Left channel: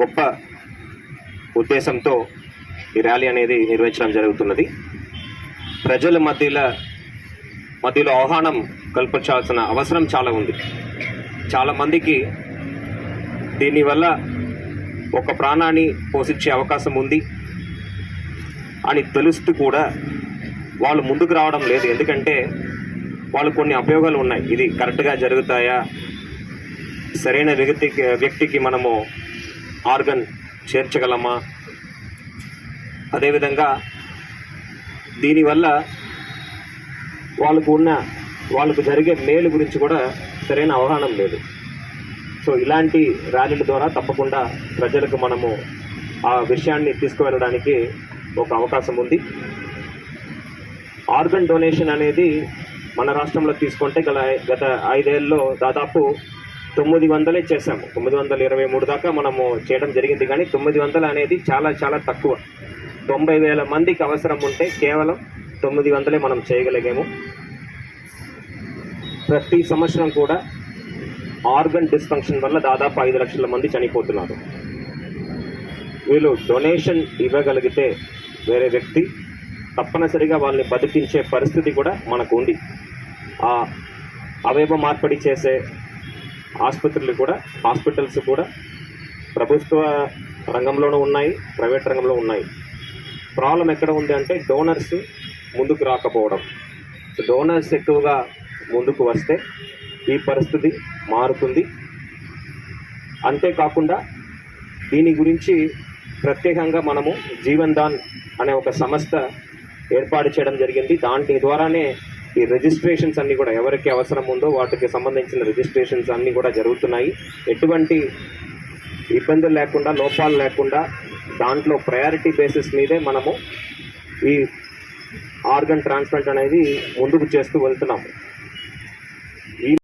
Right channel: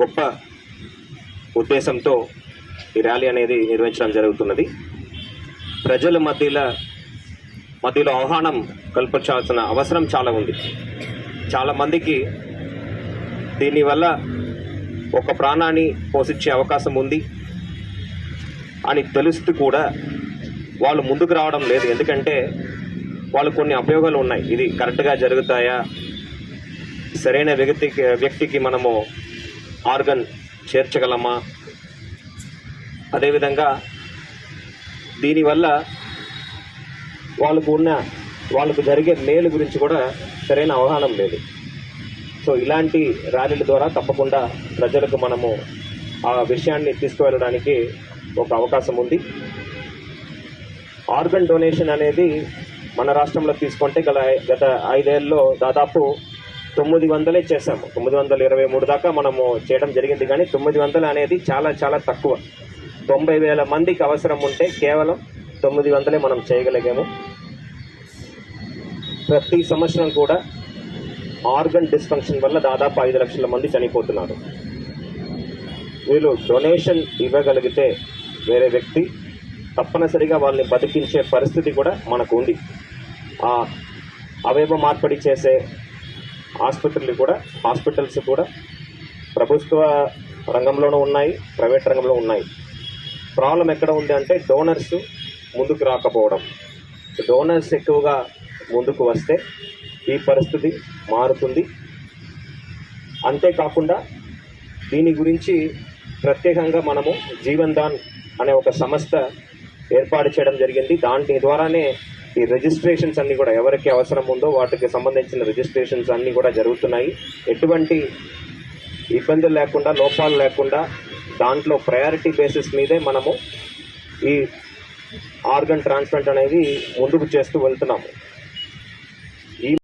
గొప్ప ఉద్దేశంతో ఈ ర్యాలీ అనేది నిర్వహించడం జరుగుతున్నది. ప్రజల మధ్యలో మధ్యలో ఆహ్వానం కల్పించాల్సిన అవసరం చాలా ఉంది. చాలా మందికి దీనివల్ల ఒక ప్రాణాన్ని పోషించే అవకాశం ఉంది అని తెలుస్తూ కూడా వాళ్ళు ముందుకు రావడం లేదు. ఎందుకంటే వాళ్ళు కొన్ని అపయోగాలు ఉన్నాయి. ఇది కరెక్ట్గా జరుగుతాయా? సరైన వ్యక్తికి వ్యక్తికి మనము ఆర్గన్ చేర్చగలమా? అదేవిధంగా దీనివల్ల వాళ్ళకు ఉన్న వాళ్ళకు జరిగే మేలు గురించి కూడా సరైన అవగాహన లేదు. సో ఇలాంటి ర్యాలీల ద్వారా తప్పకుండా ప్రజలకు మనము ఆ విషయాన్ని తీసుకువెళ్ళడానికి ఒక అవకాశం ఉంది. ఆర్గన్ డొనేషన్ అనేది మన రాష్ట్రంలో తీసుకుంటే గల గత ఐదేళ్ళలో దాదాపు తొమ్మిది వందలే చేసాము తొమ్మిది వందల ఇరవై మూడు దాకా మనము చేయడం జరిగింది. కానీ తొమ్మిది వందలు అనేది చాలా చాలా తక్కువ. తొంభై వేల మందికి అవసరం ఉంటే కేవలం తొమ్మిది వందలే మనం చేయగలిగాము. ప్రతి సంవత్సరం కూడా ఆర్గన్ డిస్ఫంక్షన్ వల్ల దాదాపు ఐదు లక్షల మంది చనిపోతున్నారు. వీళ్ళు డొనేషన్ ఇవ్వగలిగితే వేరే వ్యక్తి తప్పనిసరిగా వాళ్ళని బతికించే పరిస్థితి కూడా మనకు ఉంది. ఆ అవయవ మార్పిడి చేసే ఆసుపత్రులు కూడా హాస్పిటల్స్ కూడా ప్రభుత్వ రంగంలోనూ ఉన్నాయి ప్రైవేట్ రంగంలో ఉన్నాయి. ప్రాబ్లం ఎక్కడ ఉంది అంటే డోనర్స్ ముందుకు రాకపోవడం. డోనర్స్ ఎక్కువగా ముందుకు వస్తే ఈ పరిస్థితి మారుతుంది. అంతేకాకుండా దీని గురించి ప్రత్యేకంగా మనము జీవన్ దాన్ అనే ఒక సంస్థ ఏర్పాటు చేయడం జరిగింది. దాని ద్వారానే ఈ రిజిస్ట్రేషన్స్ అన్ని కూడా ఎవరికి అవసరం ఉందో వాటికి సంబంధించిన రిజిస్ట్రేషన్స్ అన్ని కూడా జరుగుతున్నాయి. ఎటువంటి ఇబ్బందులు లేకుండా లోపాలు లేకుండా దాంట్లో ప్రయారిటీ బేసిస్ మీదే మనము ఈ ఆర్గన్ ట్రాన్స్ప్లాంట్ అనేది ముందుకు చేస్తూ వెళ్తున్నాము.